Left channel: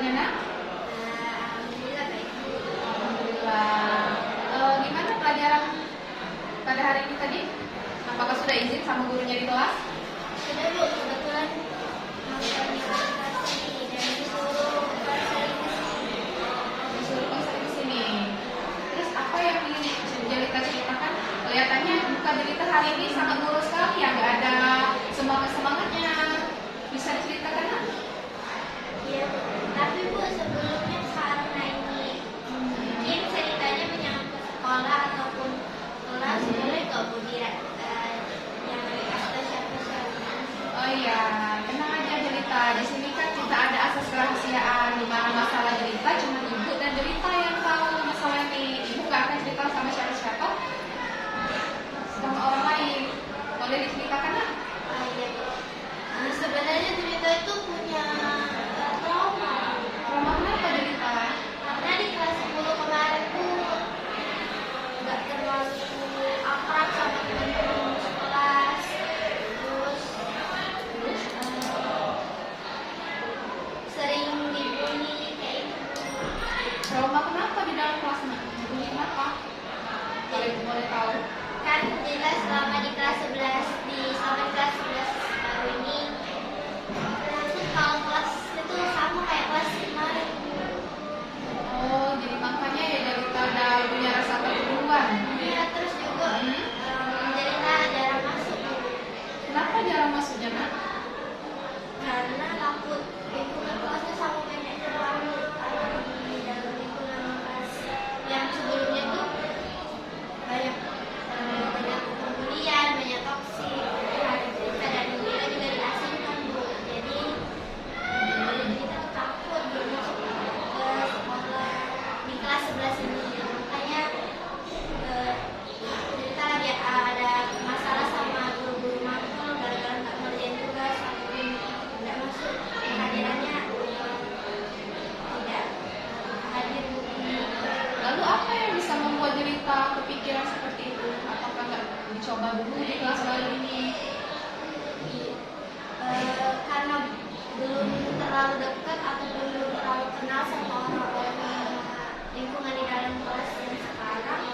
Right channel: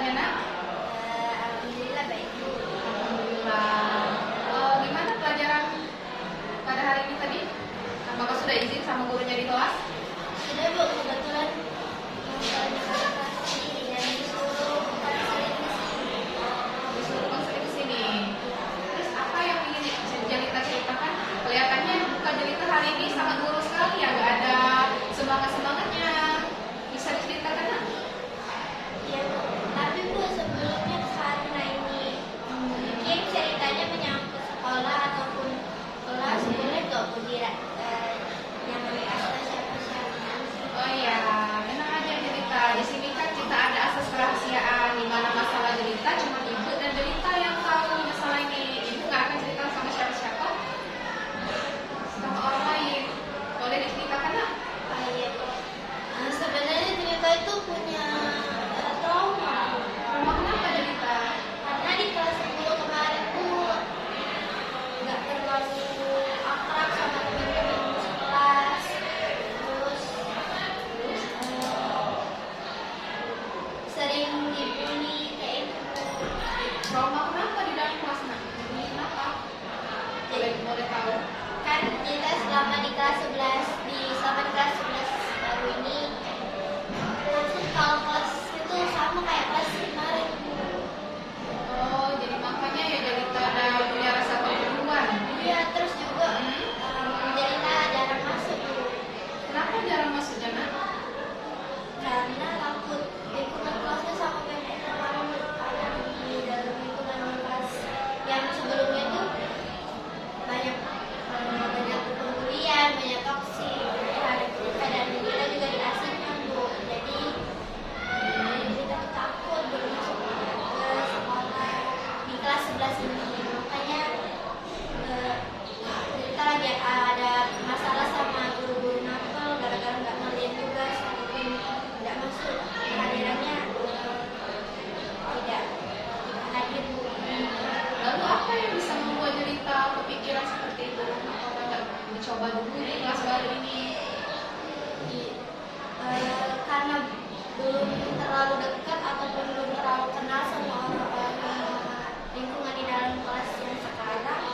kabarnya nak? Alhamdulillah baik. Alhamdulillah. Gimana pelajaran pada hari ini tadi? Apakah sudah izin sama gurunya di kelas? Sudah Bu, kebetulan presentasi dan disuruh Konser di sini. Terus apa yang ingin Jelita ceritakan? Kelihatannya bukan Jelita hari ini sangat ngurus sekali ya, nggak ada semangatnya. Bisa diceritakan nak? ya, tapi Bu sebelumnya karena ini mungkin ceritanya menyangkut sekolah ataupun kelas, boleh kok Bu yang kata siapa-siapa. Oh iya, tenang aja Jelita. Di sini kan kita ada asas kerahasiaan di mana masalah Jelita cuma ibu dan Jelita yang tahu masalah ini. Ibu nggak akan cerita sama siapa-siapa, sama orang lain. Boleh diceritakan nak? Iya. Sebenarnya cerita itu punya trauma. Trauma kenapa Jelita? Karena di kelas 10 kemarin tuh nggak terlalu akrab sama teman-teman sekelas. Terus sering dibully kayak gitu. Trauma kenapa di dalam kelas nak? Ini kenapa? Boleh tahu? Kan kita selama di kelas 11 selama di kelas 11 baru ini terus kalau kelas itu sama kayak kelas kemarin. Oh, jadi makanya ya Jelita udah punya rasa perburuan. Iya, terus juga jadi jarang masuk Kenapa jarang masuknya nak? karena takut lingkungan kelasnya sama kayak kemarin ada di dalam lingkungan kelas yang sebelumnya tuh banyak banyak pembulian, banyak toksik, dan kita juga diasingkan Bu. Jadi kita tuh takut belum masuk ke sekolah di kelas 11 ini. Makanya kita lagi ada masalah sama guru-guru nakal gara-gara nggak ngerjain tugas ataupun nggak masuk kehadirannya tidak hadir Bu. Lalu apa yang bisa membuat Jelita kepikiran seperti itu? Apakah nggak dicoba dulu di kelas baru ini? Karena belum terlalu dekat ataupun belum terlalu kenal sama orang-orang lingkungan di dalam kelas yang sekarang,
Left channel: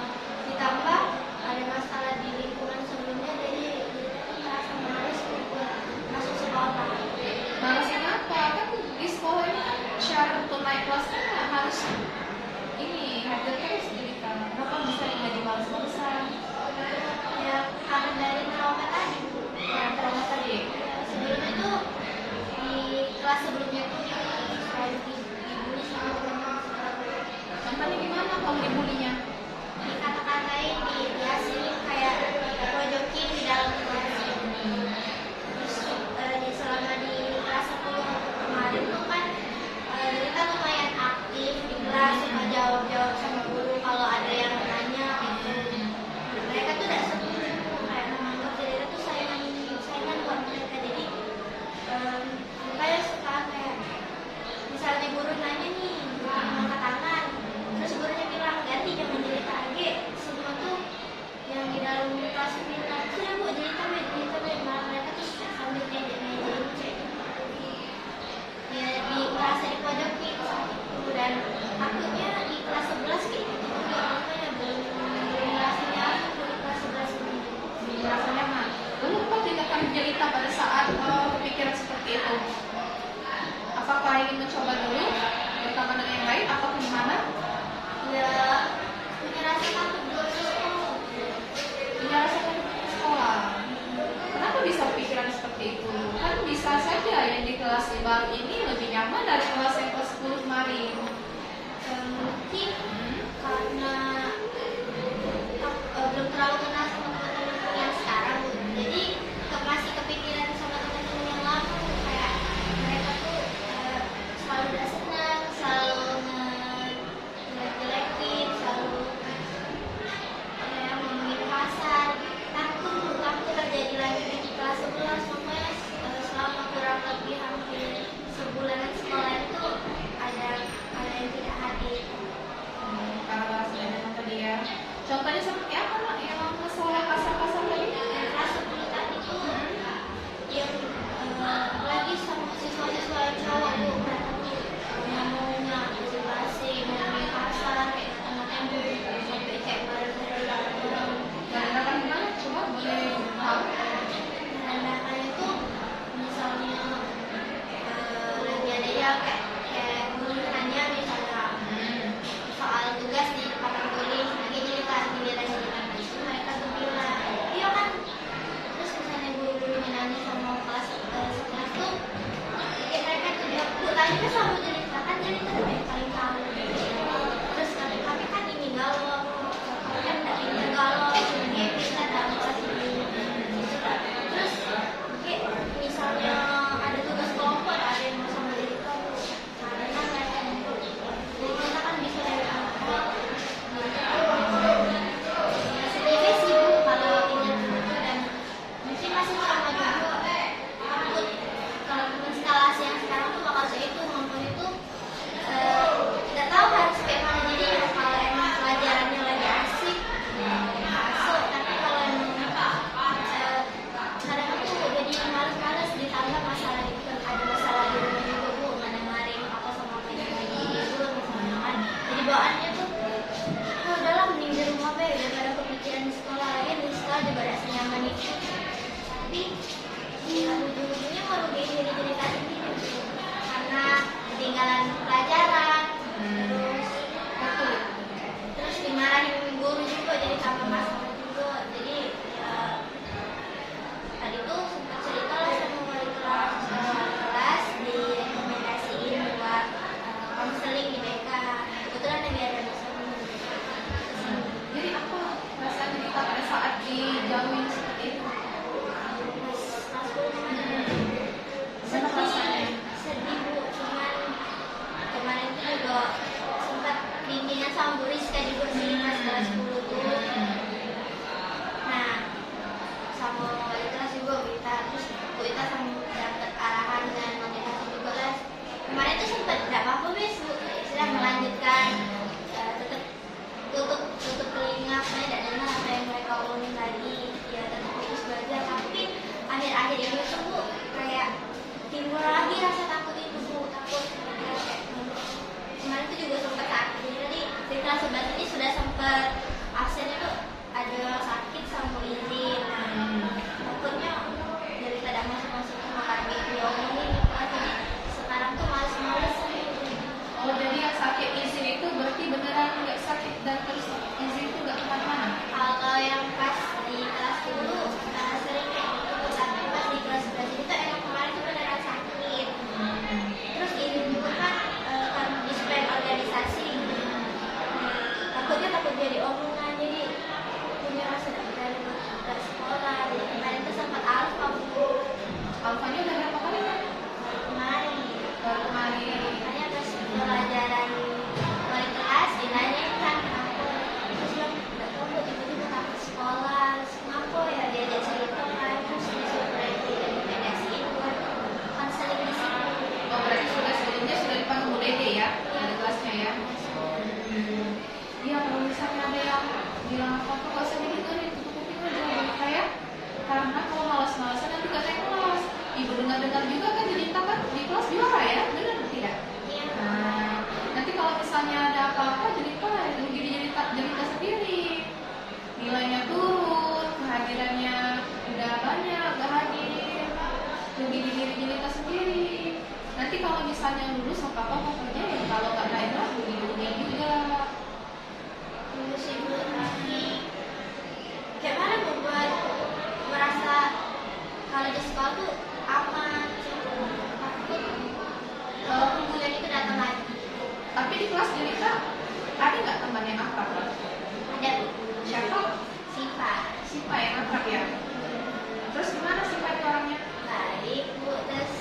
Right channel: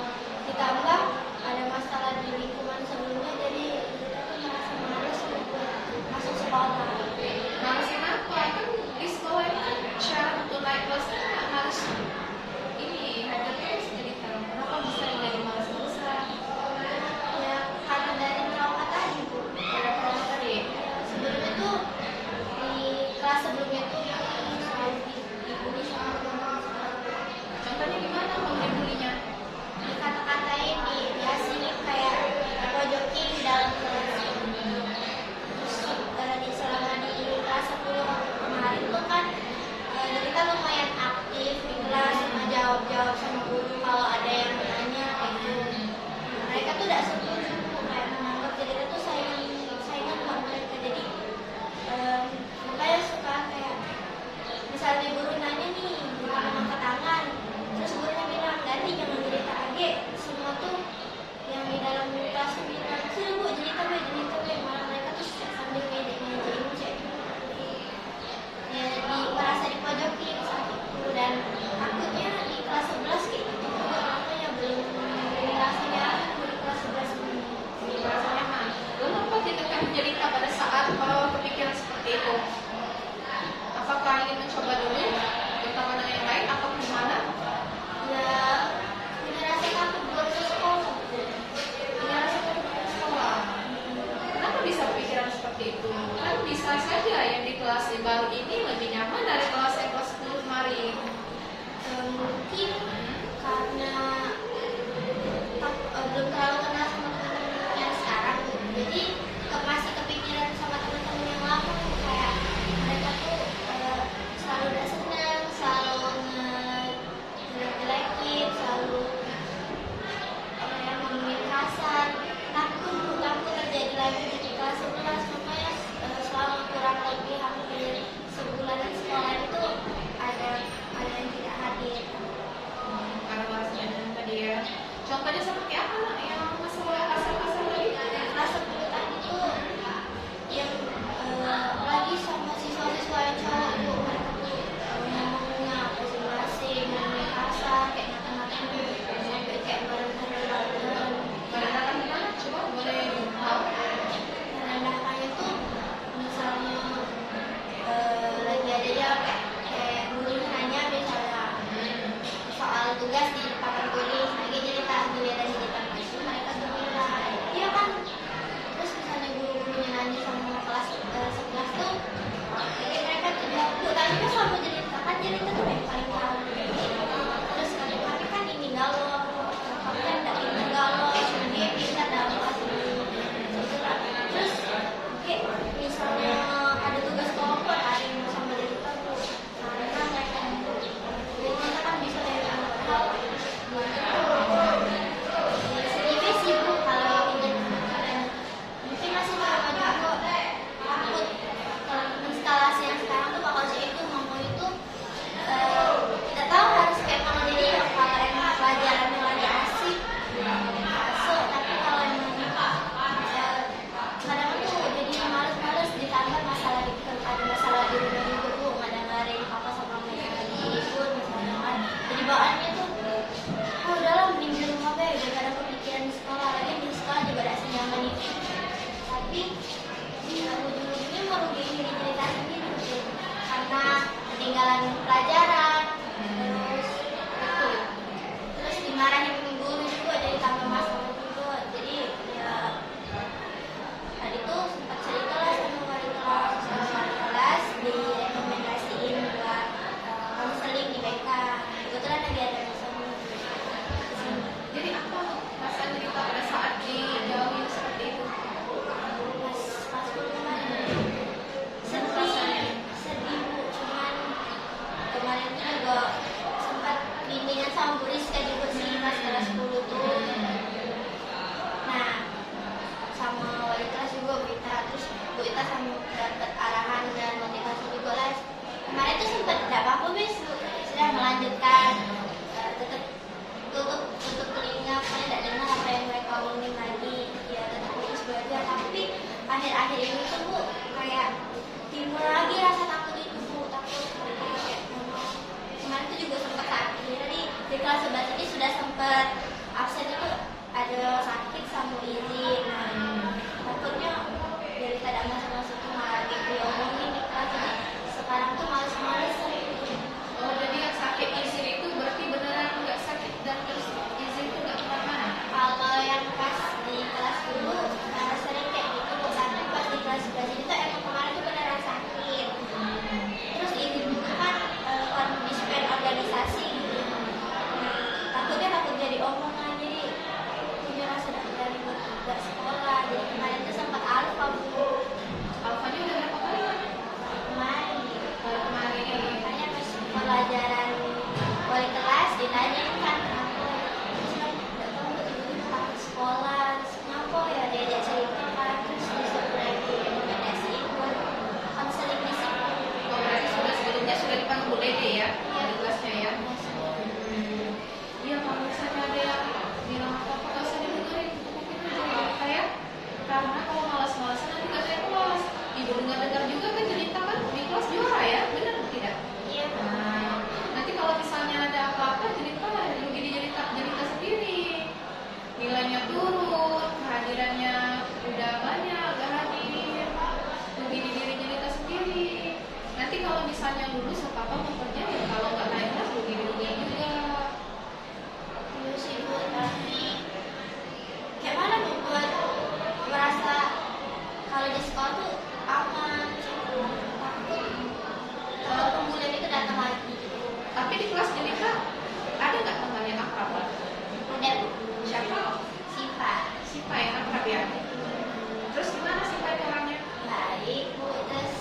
ditambah ada masalah di lingkungan sebelumnya, jadi kita tuh merasa malas untuk masuk sekolah. Malas kenapa? Kan di sekolah ini kan syarat untuk naik kelas kan harus ini hadir terus Jelita. Kenapa bisa jadi malas terusan? Ya karena dari trauma tadi Bu. Trauma tadi. Sebelumnya tuh di kelas sebelumnya tuh selalu dibully sama teman-teman sekelas. Contohnya gimana kalau dibulinya? Dikata-katain, diasingin kayak pojokin di dalam kelas. Terus selama di kelas 10 kemarin tuh kan kita lumayan aktif di kelas, sama jawab-jawab sama guru kalau ada yang nanya gitu. Mereka tuh tidak setuju kayak menganggap kita tuh saingan buat mereka. Jadi kayak suka kayak misalnya guru nanya nih, angkat tangan, terus gurunya bilang ganti jangan jadi target. Semua tuh yang di dalam kelas bilang sudah Bu jadi tabe, malah mereka tuh sambil kayak cek ya merasa dipojokin saat itu. Dan takutnya di kelas 11 kayak gitu juga, makanya belum merasa nyaman di kelas 11 ini. Merasa nyaman. Lalu apa tindakan Jelita pada saat kepikiran seperti itu? Apakah ingin mencoba dulu bersama dengan yang lain atau gimana? Ya punya rasa takut belum ke sekolah. Punya rasa takut ke sekolah. Kenapa bisa pikiran seperti itu? Kan bisa saja yang di kelas baru ini lebih nyaman dari kelas yang kelas 10 kemarin. Mungkin karena belum terlalu kenal sama teman-teman yang sekarang, jadi masih kepikiran sama teman-teman yang lama, kayak mereka tuh selalu udah senang, selalu ngejelek-jelekin, selalu ngomongin kasar. Takut terjadi lagi di kelas 11. Makanya selama kurang lebih hampir sebulanan sekolah itu ada yang tidak hadir. juga sempat bimbingan sama Bu Rizka juga sih pas kelas 10 tuh. Nah, sama wali kelas juga Bu Ita, terus Bu Ita sama dapat arahan dan motivasi juga lah. Kemarin tuh sempat tidak apa-apa bis, Bu sudah melanjutkan, tetap tutup telinga, saya tidak dengar apa yang mereka omongin tadi, ya tetap fokus belajar. Tapi akhir-akhir ini tuh Bu kayak timbul lagi rasa takut itu, Bu, takut kayak kemarin tuh juga sempat sakit. Jadi di kelas 11 ini sudah sempat absen itu ada sakit sama izin. Takutnya dari tidak masuk-masuk malah gitu ya omongin di kelas. Jadi sekarang tuh males-malesan gitu. Oh, jadi yang sakit izin itu berarti beneran nggak sakit dan terus izin itu nggak kemana-mana? Kalau yang pas di kelas dulu sering kayak gitu, tapi pas di kelas 11 itu emang kemarin tuh beneran sakit. Terus izin juga kan karena dispen organisasi gitu. Takut jadi omongan, jadi punya rasa dari buat sekolah. Jadi kemarin tuh sempat alfa Bu. Alfanya udah berapa kali kan? Kemarin gitu. Baru kemarin. Makanya pas pelajaran wali kelas ditanyain kan kenapa, terus bilang nggak tahu Bu, tiba-tiba takut sekolah. Terus kenapa ya, diajak cerita kan, terus disuruh di mediasi itu konseling disiplin. Oh, berarti sebelumnya sudah dipanggil Bu Dede ya? Ada kelasnya ya? Iya, kalau misalnya ada yang bilang apa-apa nggak usah didengerin, tutupin aja ya kayak, karena kalau malas-malasan nanti gak naik kelas. Ibu dengar-dengar juga kan cerita kan di kelas juara ya, benar tidak? Iya. Nah, nanti kalau misalnya ada apa-apa cerita cerita sendiri, nilainya turun, kehadirannya udah banyak gak hadir, rugi di diri cerita sendiri. Nanti kalau misalnya lulus apa-apa mau kerja ya, kalau nggak naik kelas rugi juga. Terus ibu tapi kayak mana Bu buat merasa kalau di sekolah tuh aman, takut kemudian itu datang lagi. Tapi di kelas cerita ada nggak teman yang akrab? Ada Bu, Siapa? Sipa. Siapa yang akrab ya? Terus gimana Siapa itu orangnya? Baik Bu, terus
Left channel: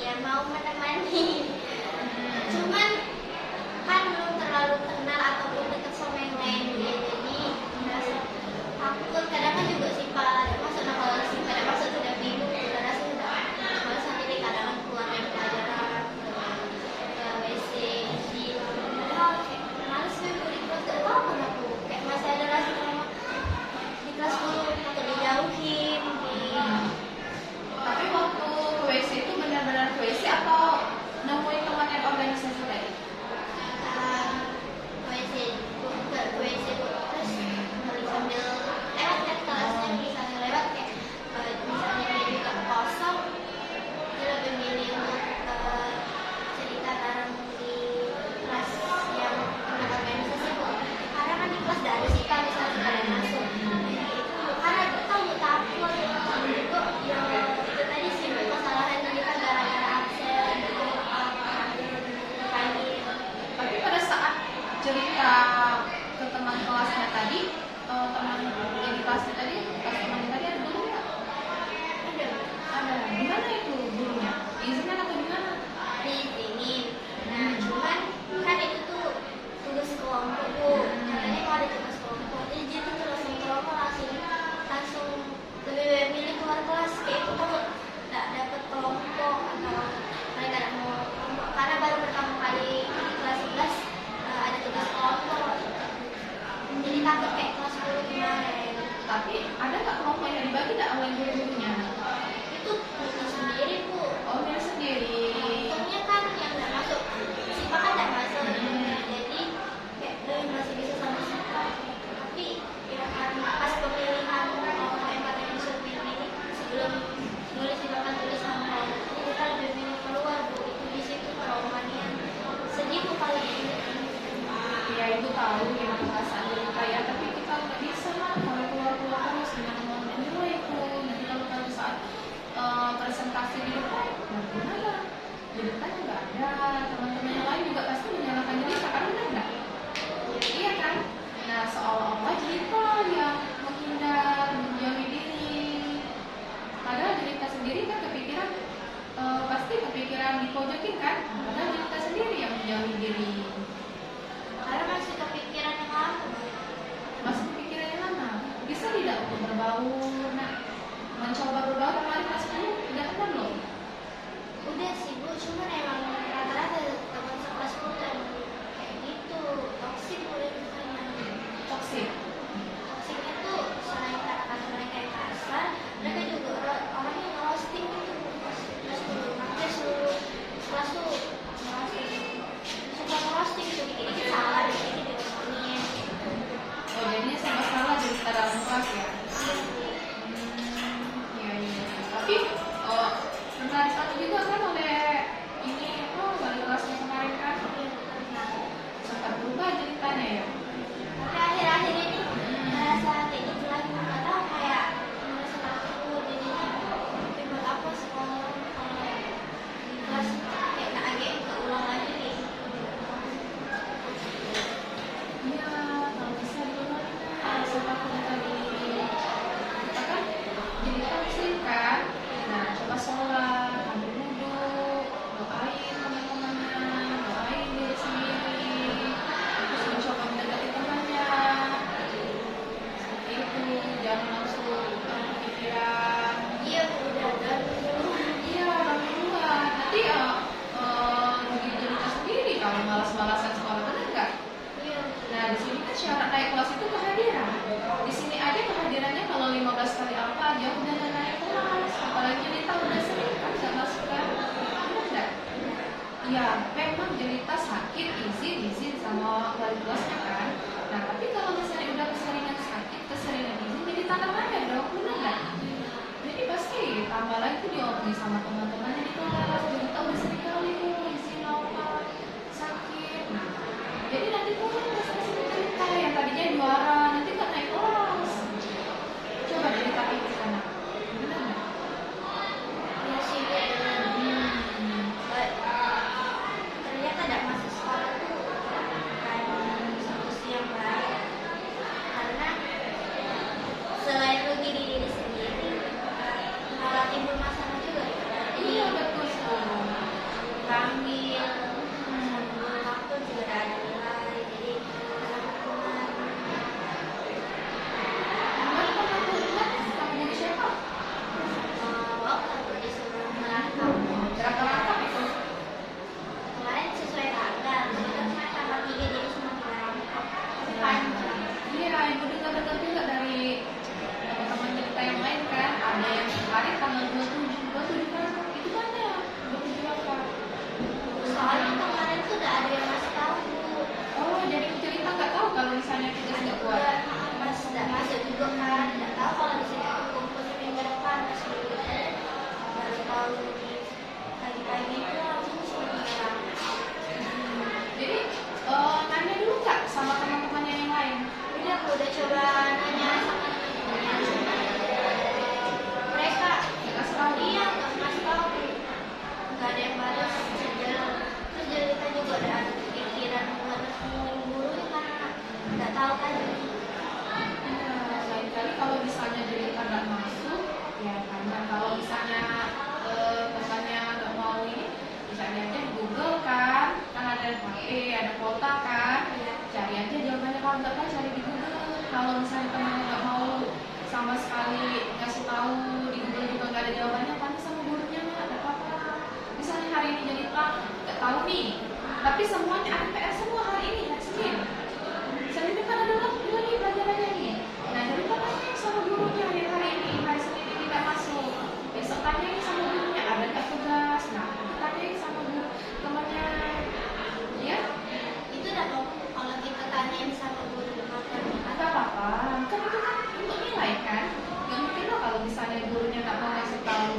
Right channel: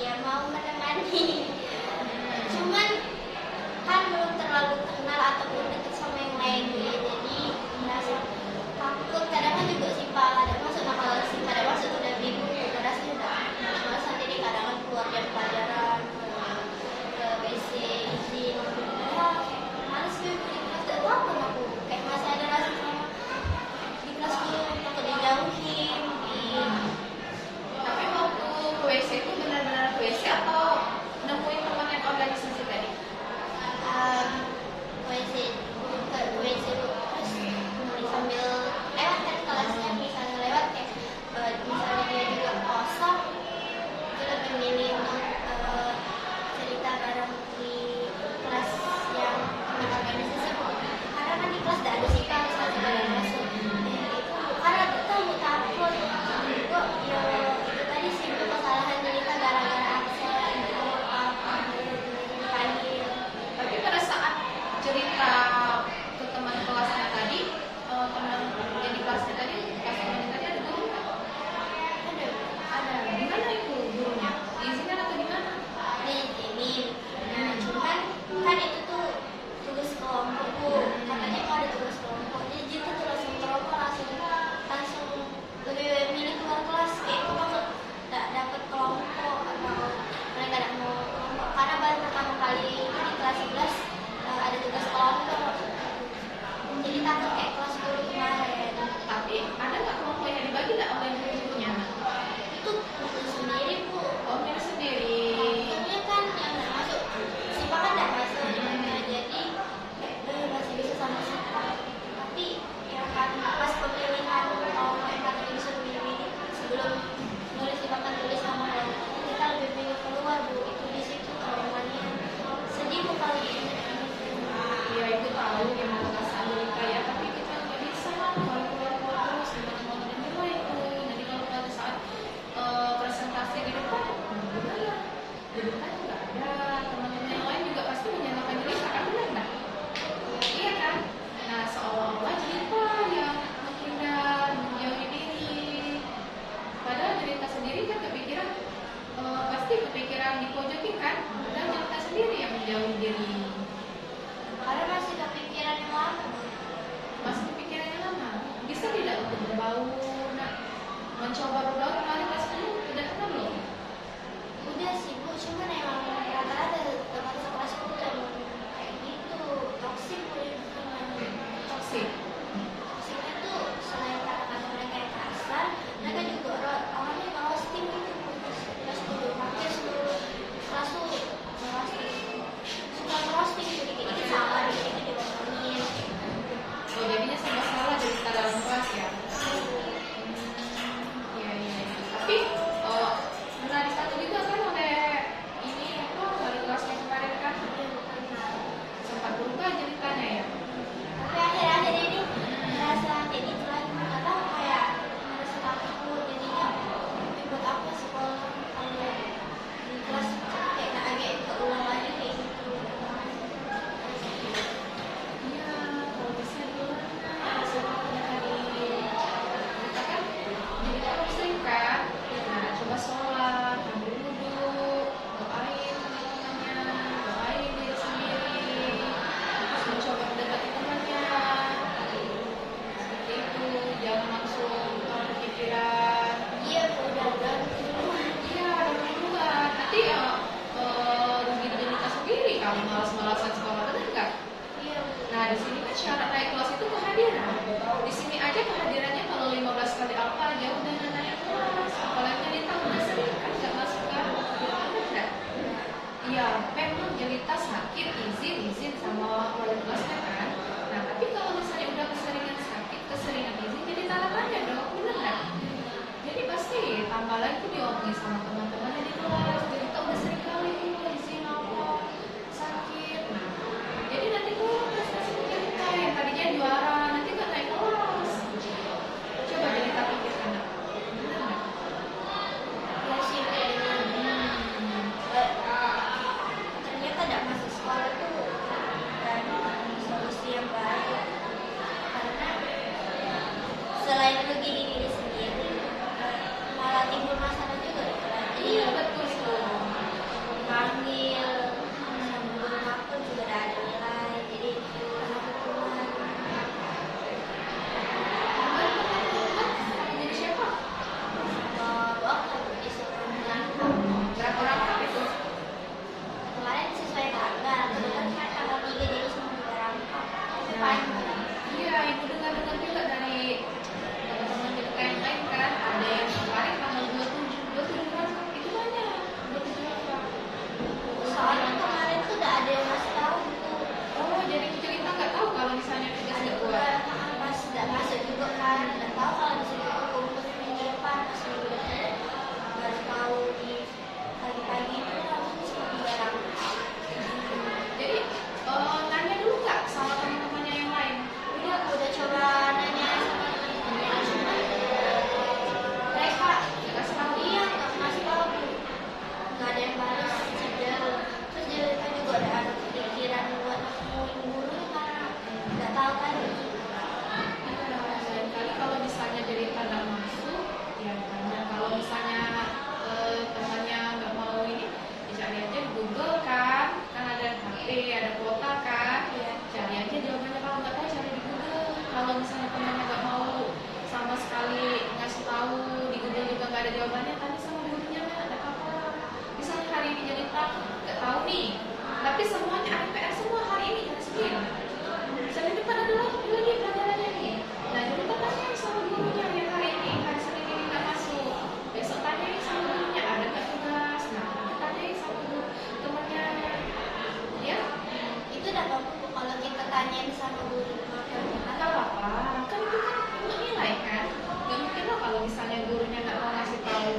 ya mau menemani. Cuman kan belum terlalu kenal atau belum dekat sama yang lain ya, jadi merasa takut. Kadang kan juga Sipa ada masuk, nah kalau Sipa ada masuk udah bingung, udah rasa udah males-malesan. Jadi kadang kan keluar dari pelajaran ke WC izin, males nih Bu di kelas. Gak tahu kenapa kayak masih ada rasa sama di kelas 10 takut dijauhin. Tapi waktu ke WC itu benar-benar ke WC atau nemuin teman yang organisasi tadi? WC ke WC terus sambil lewat kan kelasnya, bisa lewat kayak misalnya dia juga kosong, dia lebih milih untuk cerita bareng di kelas yang organisasi Bu. Karena kan di kelas tidak ada sih kan, misalnya tidak ada masuk itu karena kita mau takut juga ya itu tadi sih Bu, kesalahan jadi kan gara-gara absen gitu panggil. Tapi pada saat cerita ke teman kelasnya tadi, teman yang di kelasnya tadi, pas teman tadi ada guru nggak? Ada. Gimana itu gurunya? Diizinkan atau gimana? Diizinin. Nah, cuman kan itu tuh tugas kelompok Bu. Katanya kalau ada tugas kelompok, jadi dia tuh tugas kelompok langsung lebih milih keluar kelas. Kayak itu takut nggak dapet kelompok atau mereka nggak mau kelompok. Karena baru pertama kali di kelas 11 ada tugas kelompok. Jadi takut kayak kelas 10 kemarin. Tapi ada nggak kelompok yang dibagi nggak oleh guru-gurunya? Itu sendiri Bu. Oh, dia sendiri. Kelompoknya kan yang nggak masuk, Sipa kan nggak masuk. Nah, jadi kayak masih bisa sama Sipa. Tapi ya karena pas pemilihan orang yang katanya bisa pilih sebelum nulis silakan tulis nama, kita lebih pilih keluar Bu. Itu di situ traumanya. Sedih Bu kalau gitu. Ya ibu tahu gimana perasaan mereka ya, tapi kita nggak bisa lah kalau keluar terus gimana mau menilai itu. Nanti kalau pada saat presentasi di depan, gimana? Di depan nggak ada teman-teman yang lain juga pasti menyalahkan diri, kan benar nggak? Iya kan? Nah seolah-olah cerita yang menghindar, menjauhi diri. Padahal cerita sendiri kan kepikiran, pasti kepikiran dipojokin kan? Padahal cerita sendiri yang menjauhi diri. Karena masih kepikiran yang lama. Masih kepikiran yang lama. Bisa tidak untuk berbaur? Nah, mencoba berbaur kemarin kelas 10 udah kan belum? Udah sih Bu, cuman emang rata-rata teman sekelas Bu tuh emang kayak gitu, toksik Bu teman. Toksik. Toksiknya tuh selain kata-kata mereka yang kasar, mereka juga orangnya roasting gitu. Terus dulu makanya seluruh kelas tuh roasting, suka roasting gitu, dikit-dikit salah, dikit-dikit diomongin. Oh, jadinya serba salah dari kita dalam kelas ya? Iya, iya. Tapi pernah ditanya juga kan oleh ini apa wali kelasnya kemarin kan? Sempat berubah ceritanya ya? Tapi akhir-akhir ini merasa kayak gitu lagi, nggak tahu kayak merasa takut dulu jadinya. Tapi buat apa sekolah kalau di kelas kayak nggak ada keulang lagi kayak gitu. Iya, kalau bisa dulu seperti tadi kita kan jadi kita muslim kan? Nah, coba sholat, ambil wudhu, doain teman-temannya, doain diri sendiri, terus mencoba mendekati temannya. Seperti itu, jangan langsung berpikiran. Iya Bu, udah dulu. Iya, duluan. Nanti rugi diri kita sendiri kalau malas-malasan sekolah, benar nggak? Iya. Nah, di sini kan syarat naik kelas itu kehadiran. Di sini aja kehadirannya kalau 15 kali apa aja udah naik kelas. Apalagi jelita udah sering kan nggak masuk kan? Benar nggak? Iya, memang jelita sakit, izin sama wali kelasnya kan. Nah, tapi kalau misalnya udah keseringan sakit, keseringan izin, jadi tanda tanya dong, benar nggak? Jadi pasti tambah lagi diomongin sama teman-temannya di kelas. Jelita udah sering kali izin apa sakit. Nah, jadi nanti turun prestasi jelita yang tadinya juara, nanti nggak naik kelas. Coba jelita pikir anak, benar nggak? Iya sih kayaknya. Ternyata tidak masuk sekolah tuh bukan solusi yang baik, karena selain rugi di diri sendiri, malah timbul masalah juga. Jadi Iya, betul itu. dipanggil, sebelum aku juga udah ada nilai, jadi teman-teman Teman-teman jadi siapa? dokter disuruh Berapa rangkap itu? kemarin sesuai tanggal, kebetulan cuma tanggal 3 jadi cuma 3 rangkap. Panjang. Iya, ibu dengar-dengar juga dari teman-teman kita yang lain kan, ada yang kemarin tanggal 27 rangkap, itu banyak, 27 rangkap. Soalnya kemarin tuh udah ada yang ngasih tahu Bu. Oh, jadi cerita nggak tahu kalau misalnya tugas nggak buat. Pas udah masuk juga kan, nggak tahu kalau di sini kumpul minggu depan pas dulu baru tahu di pagi-pagi itu langsung cuma 3 rangkap. Jadi nanya dulu nggak sama teman-temannya yang lain? Udah aku udah coba nanya sama teman-temannya, cuma mereka Nggak kasih tahu. iya nggak ngasih tahu, nggak ada yang balas jauh. Terus Jelita juga udah ada pikiran buat nemuin guru karena nggak tahu kan. Iya, lain kali kalau misalnya jadi nggak masuk, ya karena kalau misalnya temannya nggak mau ini, bisa cari aja di Google kan ada HP, ada kuota kan, Iya. cari aja jawabannya. Kalau nggak tahu cari di Google. Kalau misalnya temannya nggak mau sama sekali ngasih tahu di Google juga nggak ada jawabannya, tanya sama gurunya, nggak apa-apa. Misalnya hari ini Jelita nggak tahu nih, tapi semuanya ada PR semua hari ini, hari Senin. Senin depan ada lagi pelajarannya nih. Nah, Jelita tanya sama gurunya yang hari ini, hari Senin ini nggak masuk. Besok tanyain sama gurunya, ada nggak tugas. Nah, tanyain sama guru temannya, ya Itu udah apa kalau kita tanyain sama guru di matematika. nggak apa-apa. Kan itu kan untuk nilai kan. Nggak mungkin loh kalau misalnya gurunya nggak mau ngasih tahu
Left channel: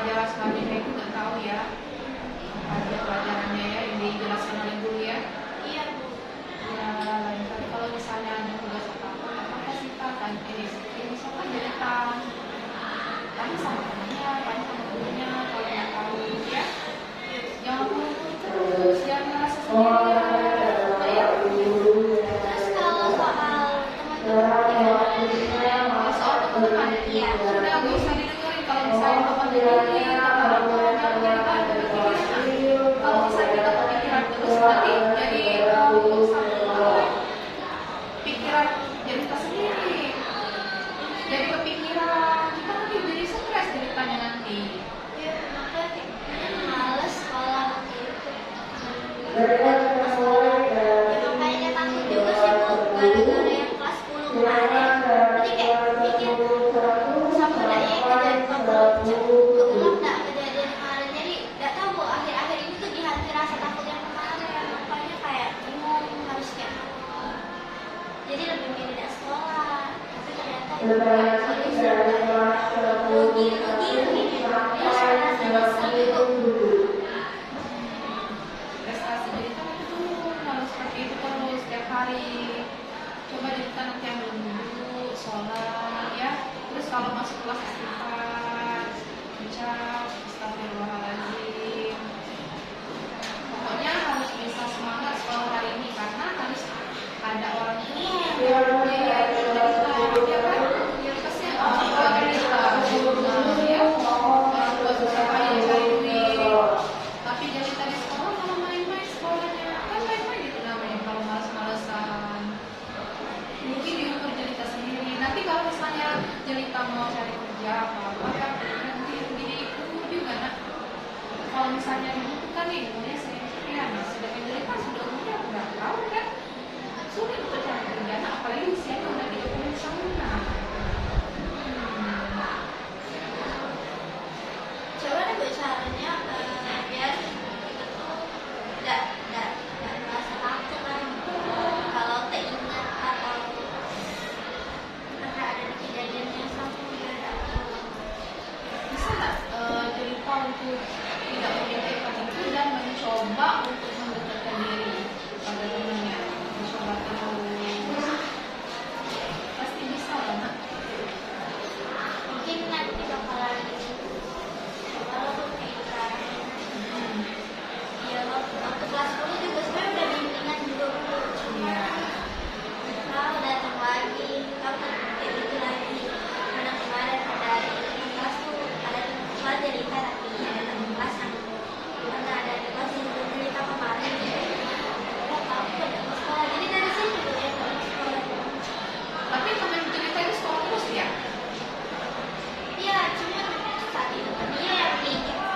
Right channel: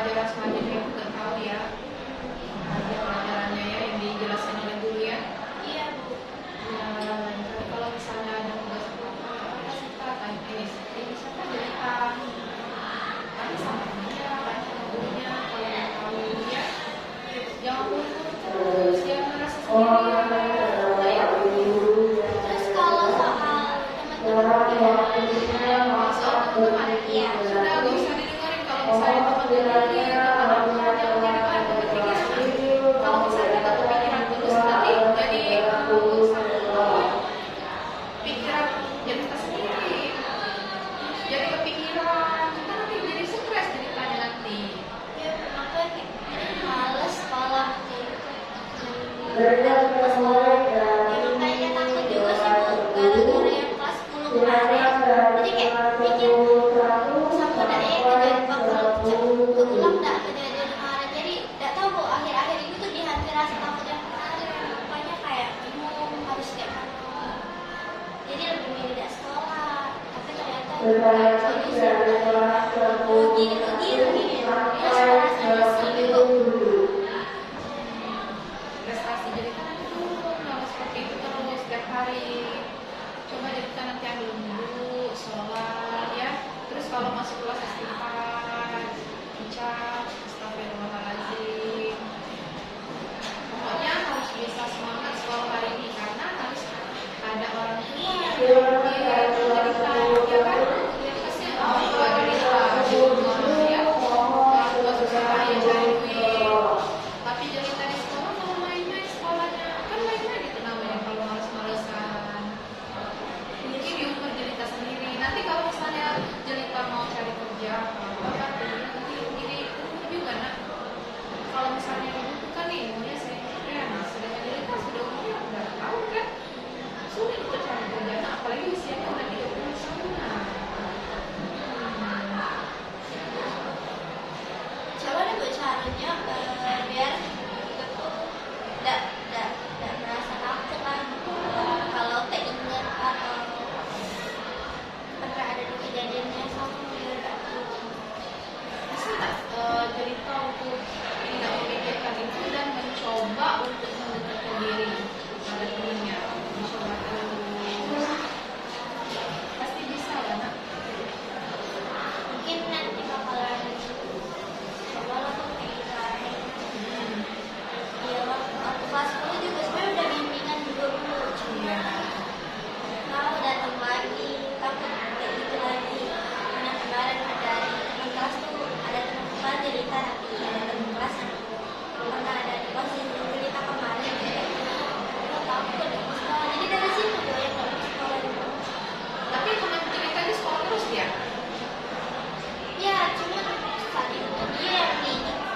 pelajaran selanjutnya aku nggak tahu ya pelajarannya ya yang dijelaskan oleh guru ya. Iya Bu. Ya lain kali kalau misalnya ada tugas apa sih Pak kan ini siapa jeritan tanya sama temannya, tanya sama gurunya kalau nggak tahu ya. Jangan mulu terus, jangan merasa sendirian ya. Terus kalau soal teman-teman Soal teman iya. sudah gak usah didengerin kalau misalnya teman dengerin jangan jadi bahan berpikiran. Kalau misalnya kita kepikiran terus nanti jadi satu pikiran jadi kita sendiri, jadi kepikiran kita nanti jadi stres ceritanya nanti. Ya, kenapa males sekolah waktu itu. Ya, makanya takut juga sih Bu, gara-gara yang kelas 10 kemarin. Jadi kayak pikir sama daya kejadian keulang nggak kejadian kemarin. Jadi nggak tahu Bu, akhir-akhir itu tuh dihantui rasa takut yang kemarin. Pokoknya kayak bingung harus kayak mana. Jadi lebih milih tidak sekolah. Tapi ternyata rugi begini. Terus rasanya sih Prestasi jadi kan nanti turun kalau seperti itu terus setiap hari. Coba jadi kita nanti ambil dulu sholat ya. Terus kalau masuk kelas istighfar, ucap astagfirullahaladzim. Pokoknya harus bisa semangat sekolah hari ini karena harus ada orang tua yang cerita ya kan, yang kasihan orang tua cerita ya orang tua susah payah cari duit. Tapi jelita di sekolah malah main-main sekolahnya kan main-main itu namanya kalau males-malesan. Mungkin di umur jelita sendiri. Nanti kalau misalnya jelita mau cari kerja apa-apa kan nanti gini juga nak. Kalau misalnya dibutuhkan nih umurnya saya ya nah sedangkan jelita sudah umurnya berapa tahun kan sulit untuk cari kerja nah apalagi usianya udah 30 tahun nah. coba deh Bu caranya biar kita tuh nggak merasa takut lah kalau teringat atau pernah ada kejadiannya sama biar Bisa nggak jelita untuk tidak memikirkan itu dan mencoba untuk mendekatkan diri pada temannya mencoba terus pasti bisa lah nak. mungkin nanti bakalan coba lah tuh kayak kemarin. Ya waktu kelas 10 juga sebenarnya udah bimbingan juga dulu cuma mau datang lagi takut kayak gitu lagi karena kemarin ada teman kelas tuh ada teman kelas jadi tadi ada teman kelas yang karena ada di kelas yang cerita kemarin jadi oh takut ke sekolah jadi dari situ tuh ya kalau ke sekolah Tapi teman cerita di sekolah terus ya. ya cuma saat itu dia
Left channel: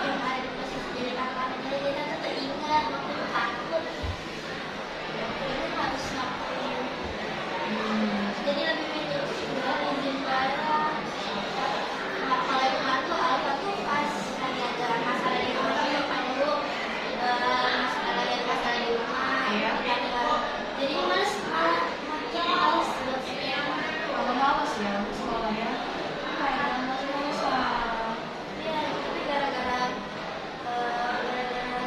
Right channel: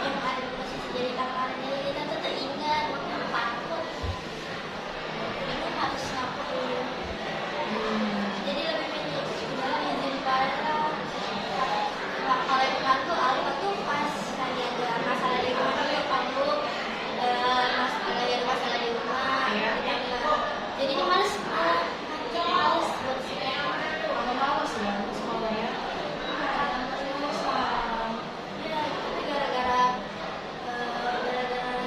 yang ada di posisi jadi kakak jadi dia tuh teringat waktu takut ini harus ngapain jadi lebih milih izin bareng kalau yang kemarin tuh Alfa tuh pas lagi ada masalah di rumah tuh lupa dulu lagi ada masalah di rumah Iya. jadi ini males makin males buat sekolah Agak males ya untuk sekolah ya. Males-malesan. ya tapi gara-gara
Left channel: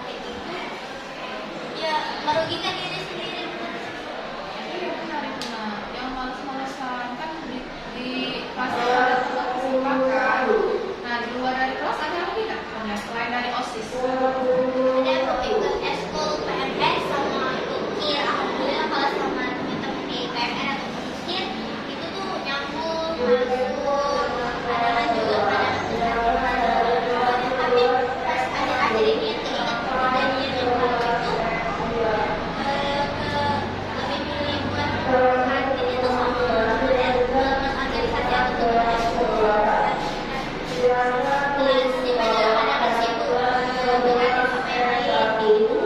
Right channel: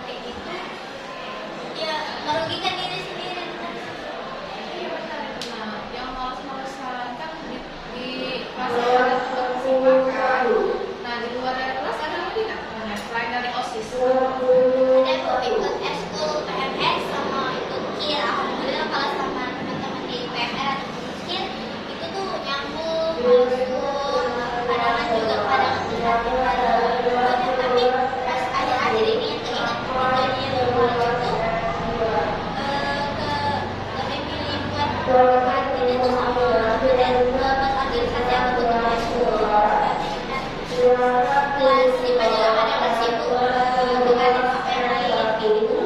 kayak gitu ya merugikan diri sendiri bener. Iya benar itu nak. Yang males-malesan kan di kelas ada teman kesibukan. Nah di luar dari kelas ada lagi nggak? Selain dari OSIS. Ada mau ikut eskul PMR sama ikut KIR. Alhamdulillah kalau sama teman-teman di PMR atau di KIR itu tuh nyambung, meskipun kadang juga kadang tapi pas akhir-akhir ini yang keinget kejadian yang lalu itu lebih pilih buat hatinya tuh sama pas akhir-akhir yang ketemu eskul. Kelas 5 juga kadang sibuk dengan apa yang lain gitu.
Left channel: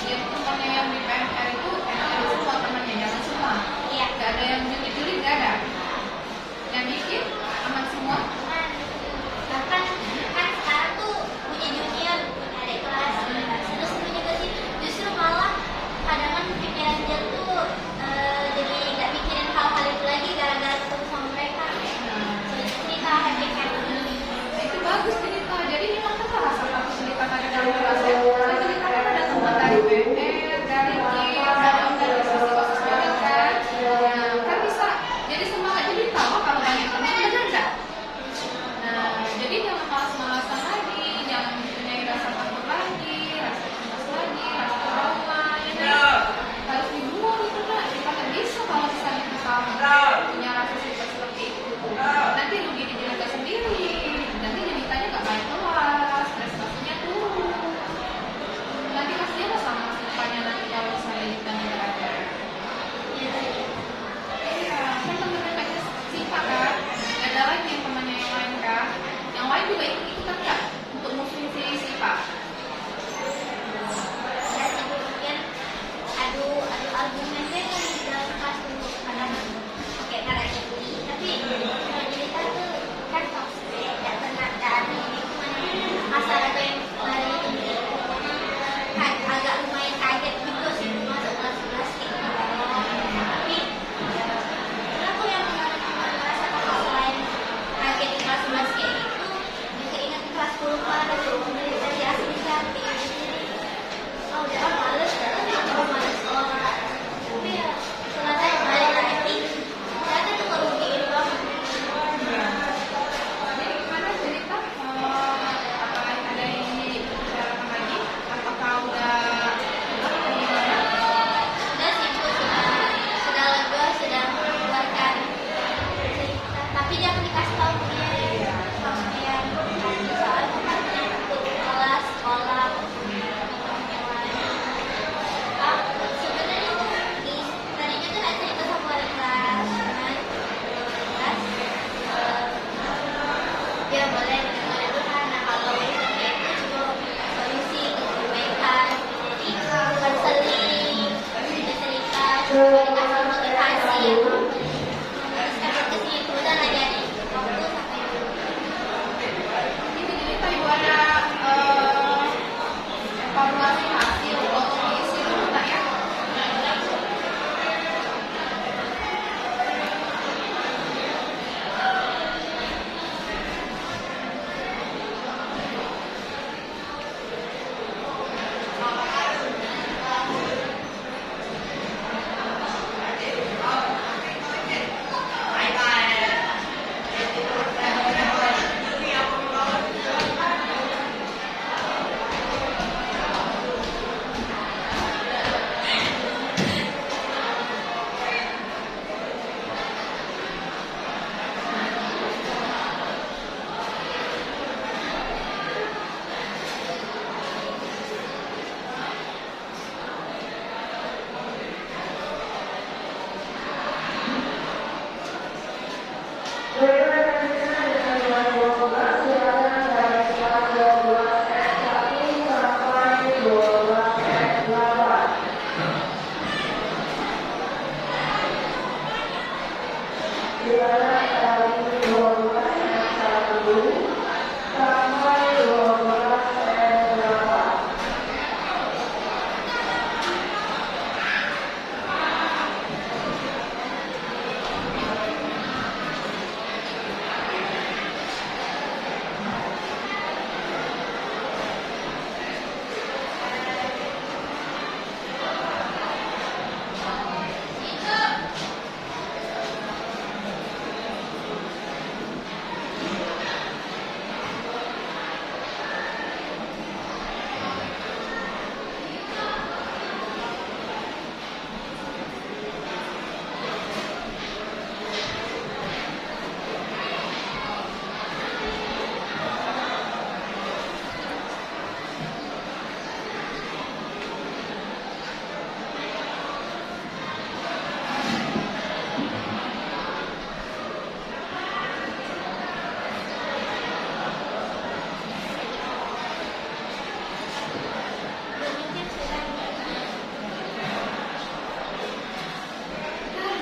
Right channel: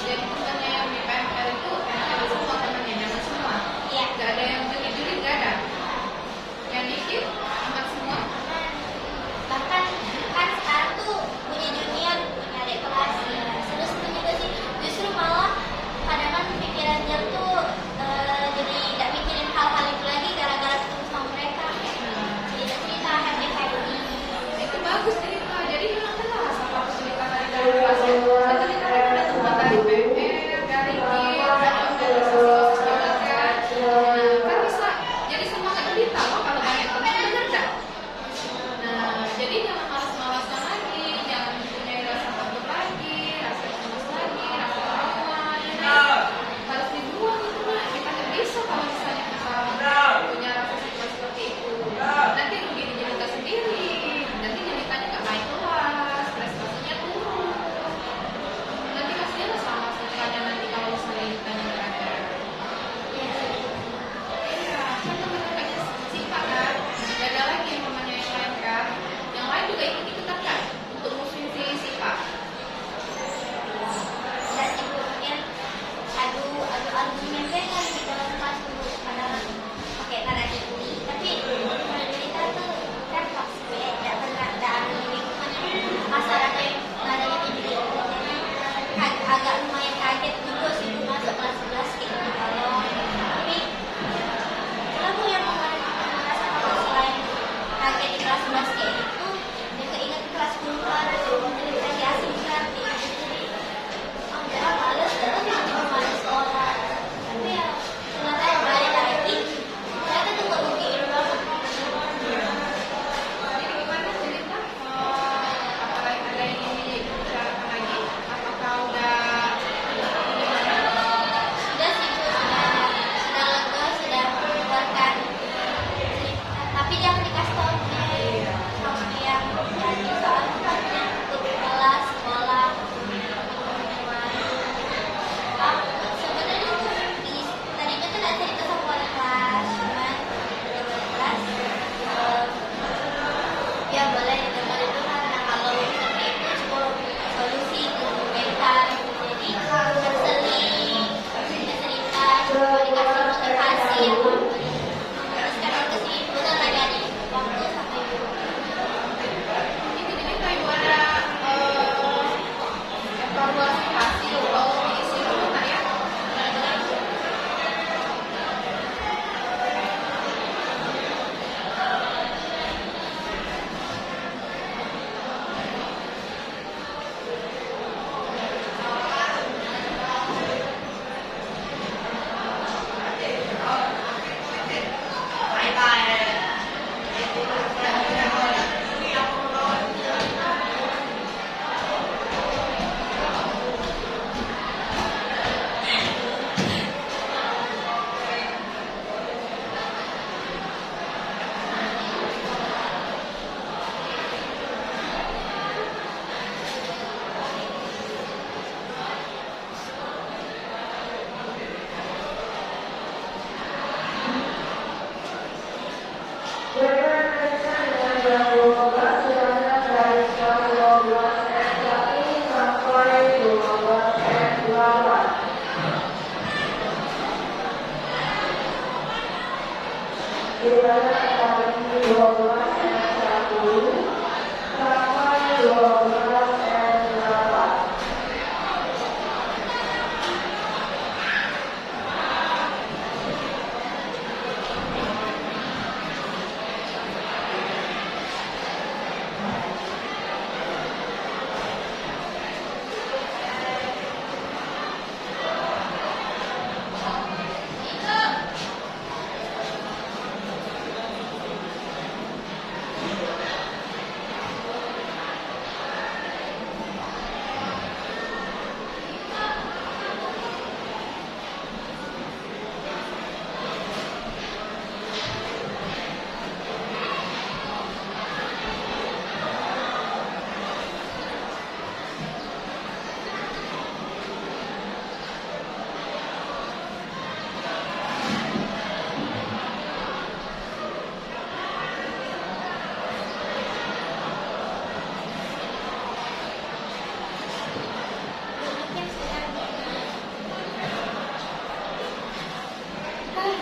Jadi temannya yang di PMR itu ada semua temannya jangan semua. Iya. Gak ada yang julid-julid gak ada. Yang dikit aman semua. Bahkan kan sekarang tuh punya junior adik kelas ya. Seru-seru juga sih. Justru malah kadang kan pikiran dia tuh jadi nggak mikirin hal-hal itu lagi gara-gara ketemu sama mereka kayak cerita-cerita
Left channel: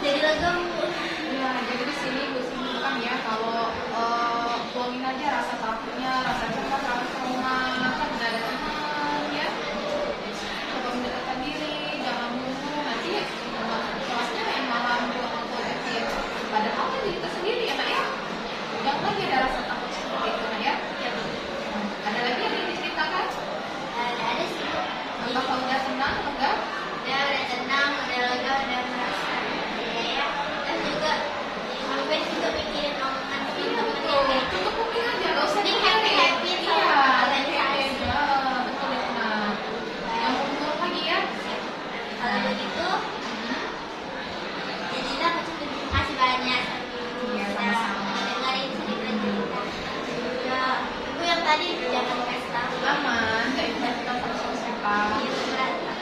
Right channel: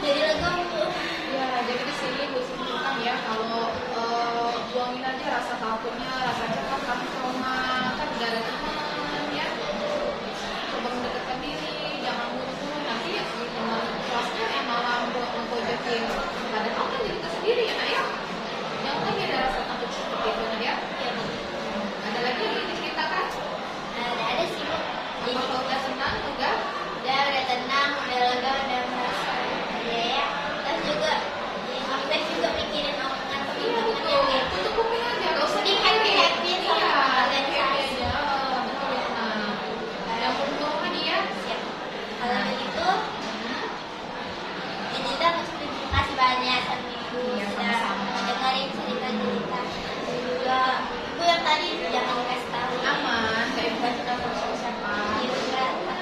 Jadi lega Bu. Ya, jadi di sini Bu simpulkan ya kalau buangin aja rasa takutnya, rasa cemas, rasa trauma, kan udah ada teman ya. Coba mendekatkan diri, jangan buru-buru nanti di rumah kelasnya yang malah buat mempojokin. Padahal kan diri kita sendiri ya Nak ya. Jangan lagi ada rasa takut seperti itu Nak ya. Ya Bu. Ada lagi yang ingin diceritakan? Ada sih Bu. Apakah udah tenang, lega? Ya udah tenang, udah lega, udah merasa ya. Dan juga sampai juga mikirin omongan teman-teman yang kayak Itu kuping aja, gak usah Jadi happy-happy sama Iya, kalian happy aja. Betul, nah. Yang buruk lagi ya. siap. Kalau begitu, jadi kita terima kasih banyak sama Ibu Iya, sudah sama-sama. dengerin cerita-cerita. Dan juga Ibu yang tadi jangan kasih tahu. Aman, gak ikut kita sama siapa. Ibu merasa.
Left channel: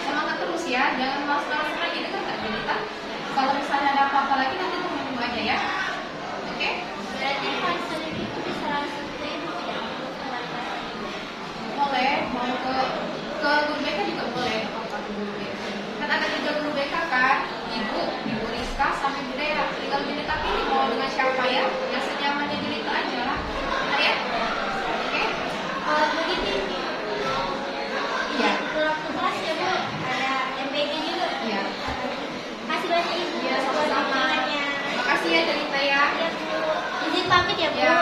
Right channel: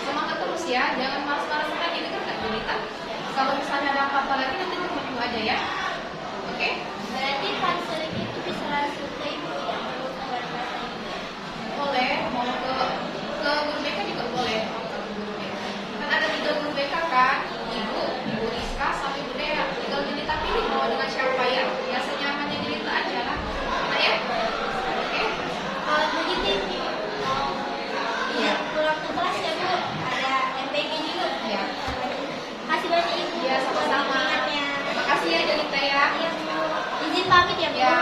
Semangat terus ya, jangan malas-malas lagi denger Kak Jelita. Kalau misalnya ada apa-apa lagi nanti tunggu aja ya. Oke? Berarti konseling itu bisa langsung ke Ibu yang Boleh, mau ke guru BK juga boleh. Kalau ke guru BK. Kan ada 3 guru BK kan, Ibu Rizka sama Ibu Dea. Tinggal Jelita pilih mau dengan siapa ya. Yang senyamannya Jelita aja lah. Nah ya? Oke? Kalau begitu mau Iya. pulang ke kelas ya Bu, ada MPG juga. Iya. Makasih banyak Ibu. Iya, sama-sama. buat dukungannya. Makasih ya Jelita ya. Iya Bu. Izin pamit ya Bu. Ya.